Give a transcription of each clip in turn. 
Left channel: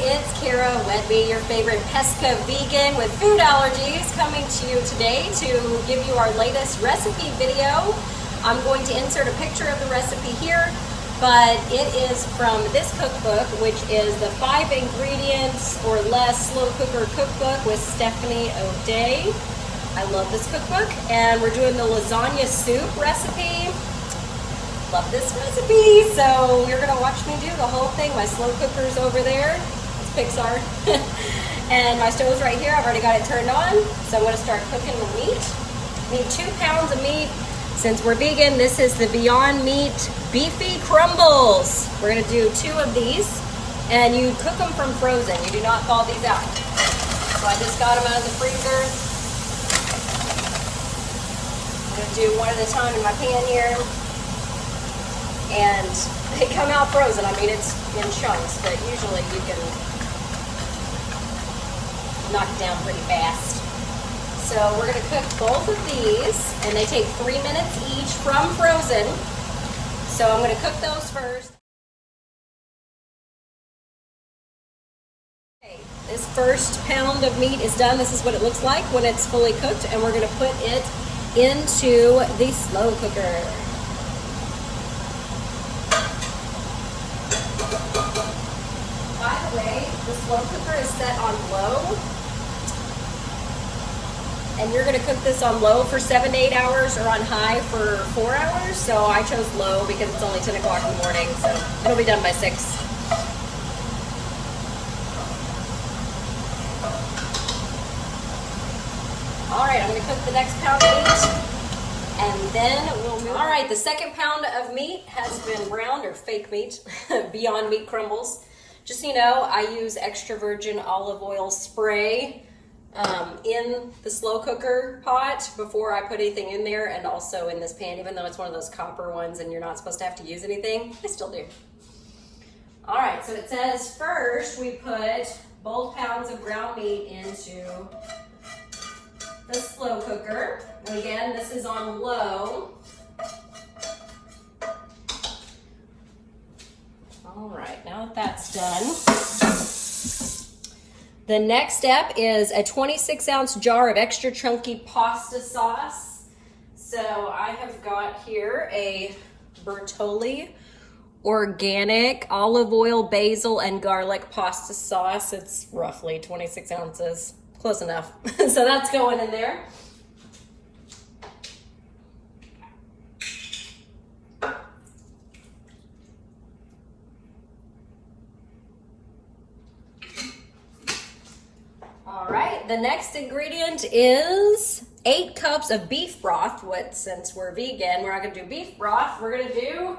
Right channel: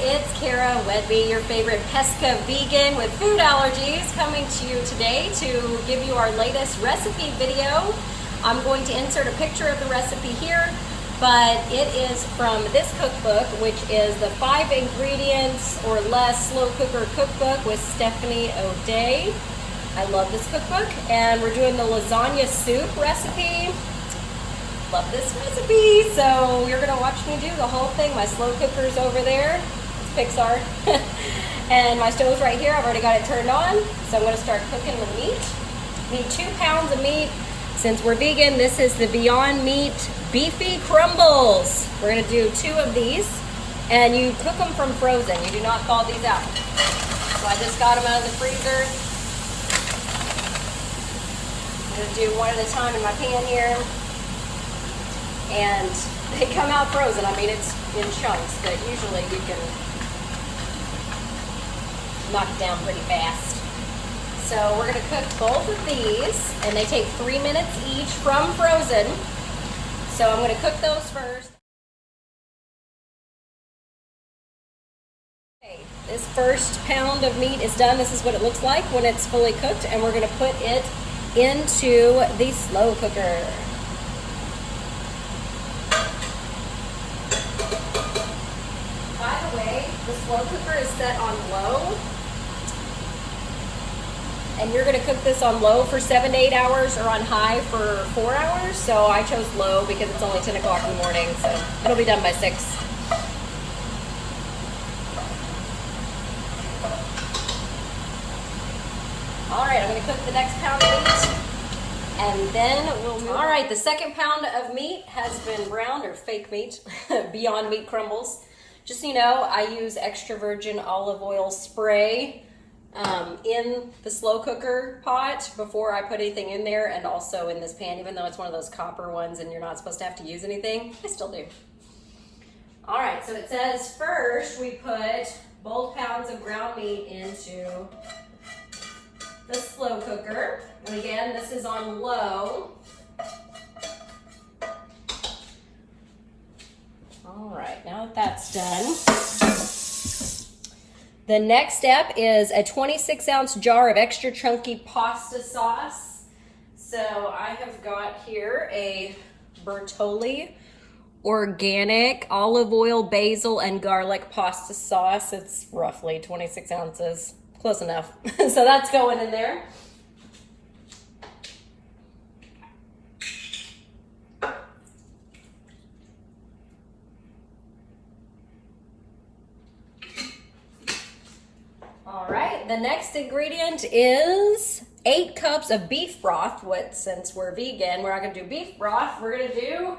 it's Cara Whedbee, your favorite pesca vegan with food allergies, coming to you today to give you our latest recipe video. I'm going to insert a picture of the recipe here, but it is from this cookbook, which is the 5 ingredients or less slow cooker cookbook with Stephanie O'Day. I love this cookbook, and we're doing the lasagna soup recipe. Love this recipe, so you're gonna watch me do the whole thing. My slow cooker's over there, it's Pixar, and my stove's right here. I've already got it turned on, so I'm gonna start cooking the meat. Need 2 pounds of meat. Since we're vegan, this is the Beyond Meat Beefy Crumbles. We're gonna do 2 of these, and you cook them from frozen. You do not thaw these out. So I just got them out of the freezer. I'm gonna do one at a time in my pan here. And they come out frozen. I mean, it's in chunks, but usually you can knock it down pretty fast. So we're gonna cook both of these, and they take 3 minutes each from frozen. So I'm gonna cook those first. Okay, this first pound of meat is done. This is what it looks like when it's fully cooked, and we're gonna put it into the slow cooker. The slow cooker is set on low, and you're going to cook this on low for 7 to 8 hours or on high for 4 hours. So I chose low because it's only 10 o'clock in the morning, so it'll be done by 6. All right, I'm going to cook the next pound of meat, and then we'll move. All right, the second pound of meat has been browned, or fake meat, Beyond Meat crumbles. Just so you know, I use extra virgin olive oil spray in the slow cooker pot before I put anything in there, and also in this pan, even though it's one of those copper ones and you're not supposed to have to use anything. I still do. All right, so it says first we put both pounds of ground meat into the slow cooker. And again, this is on low. All right, now that that's done, the next step is a 26-ounce jar of extra chunky pasta sauce. So I have got here a Bertolli organic olive oil, basil, and garlic pasta sauce. It's roughly 26 ounces, close enough. So that's going in there. All right, the next ingredient is 8 cups of beef broth. Since we're vegan, we're not gonna do beef broth. We're gonna do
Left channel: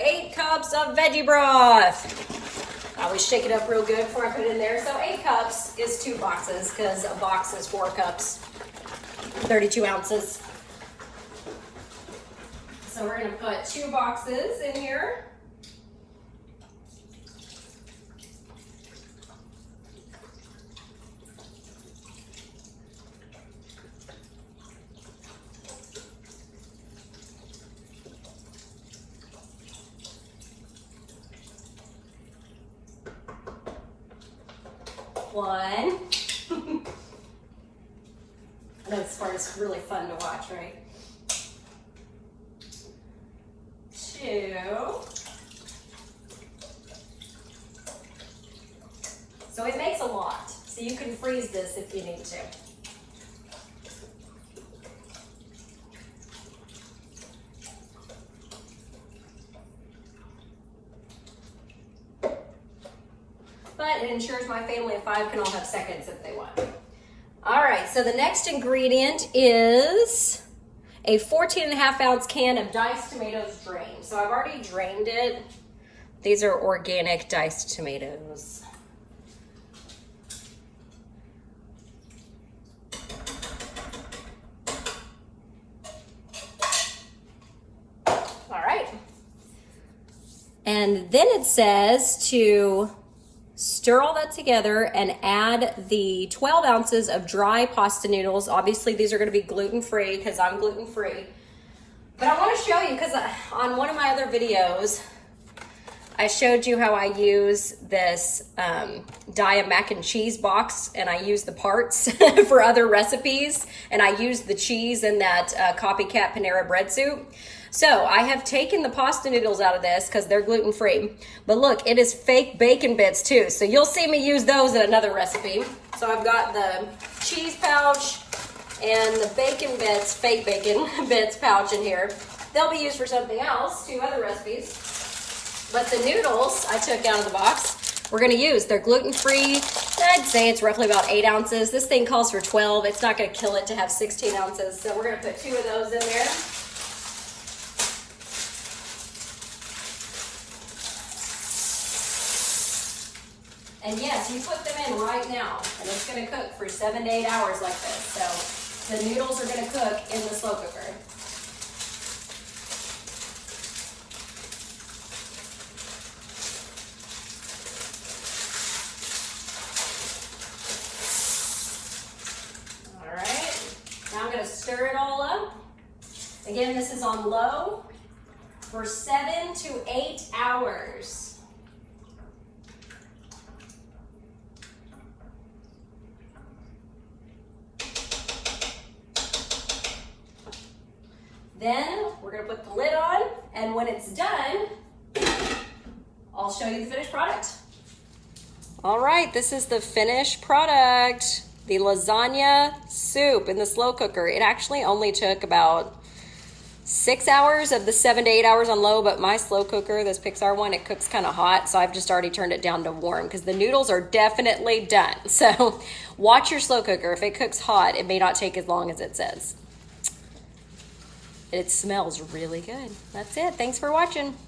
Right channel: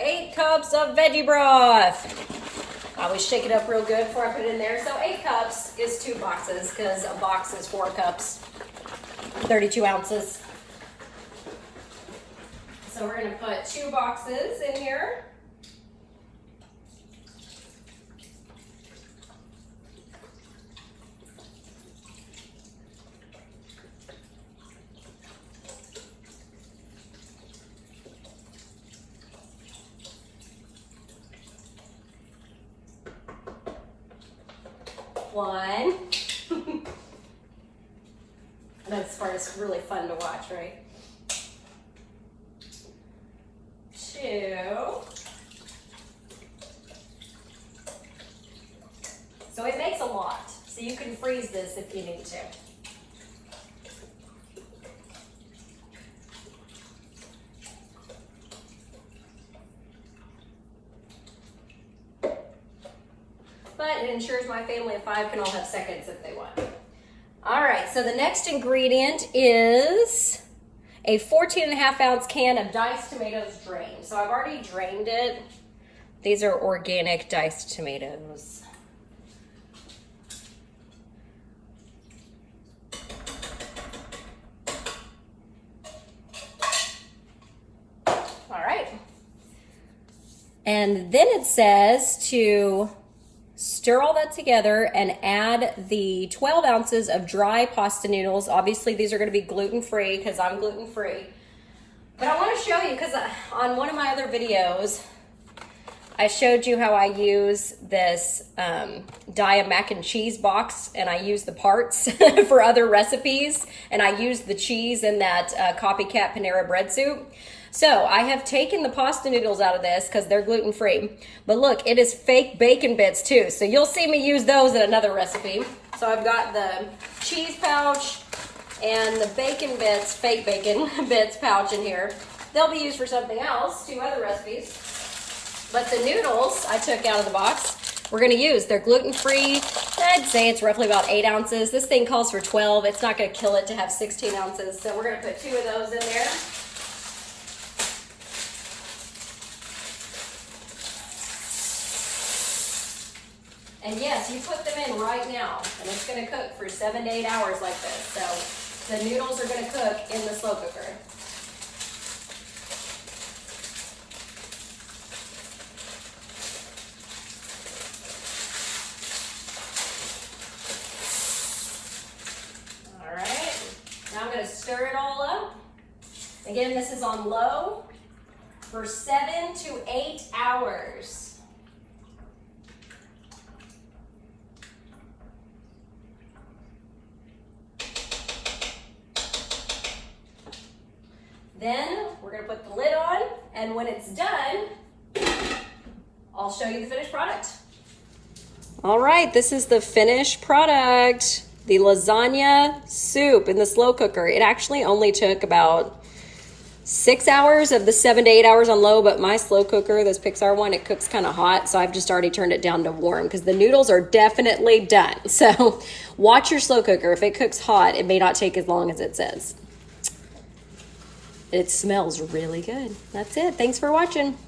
8 cups of veggie broth. I always shake it up real good before I put it in there. So 8 cups is 2 boxes, because a box is 4 cups, 32 ounces. So we're gonna put 2 boxes in here. One. This part is really fun to watch, right? 2. So it makes a lot. So you can freeze this if you need to. But it ensures my family of 5 can all have seconds if they want. All right, so the next ingredient is a 14.5-ounce can of diced tomatoes drained. So I've already drained it. These are organic diced tomatoes. All right. And then it says to stir all that together and add the 12 ounces of dry pasta noodles. Obviously, these are going to be gluten-free because I'm gluten-free. But I want to show you, because on one of my other videos, I showed you how I use this Dia mac and cheese box, and I use the parts for other recipes, and I use the cheese in that copycat Panera bread soup. So I have taken the pasta noodles out of this because they're gluten-free. But look, it is fake bacon bits too. So you'll see me use those in another recipe. So I've got the cheese pouch and the bacon bits, fake bacon bits pouch in here. They'll be used for something else, 2 other recipes. But the noodles I took out of the box, we're gonna use. They're gluten-free. I'd say it's roughly about 8 ounces. This thing calls for 12. It's not gonna kill it to have 16 ounces. So we're gonna put 2 of those in there. And yes, you put them in right now, and it's gonna cook for 7 to 8 hours like this. So the noodles are gonna cook in the slow cooker. Stir it all up. Again, this is on low for 7 to 8 hours. Then we're going to put the lid on, and when it's done, I'll show you the finished product. All right, this is the finished product. The lasagna soup in the slow cooker. It actually only took about 6 hours of the 7 to 8 hours on low, but my slow cooker, this Pixar one, it cooks kind of hot, so I've just already turned it down to warm because the noodles are definitely done. So watch your slow cooker. If it cooks hot, it may not take as long as it says. It smells really good. That's it. Thanks for watching.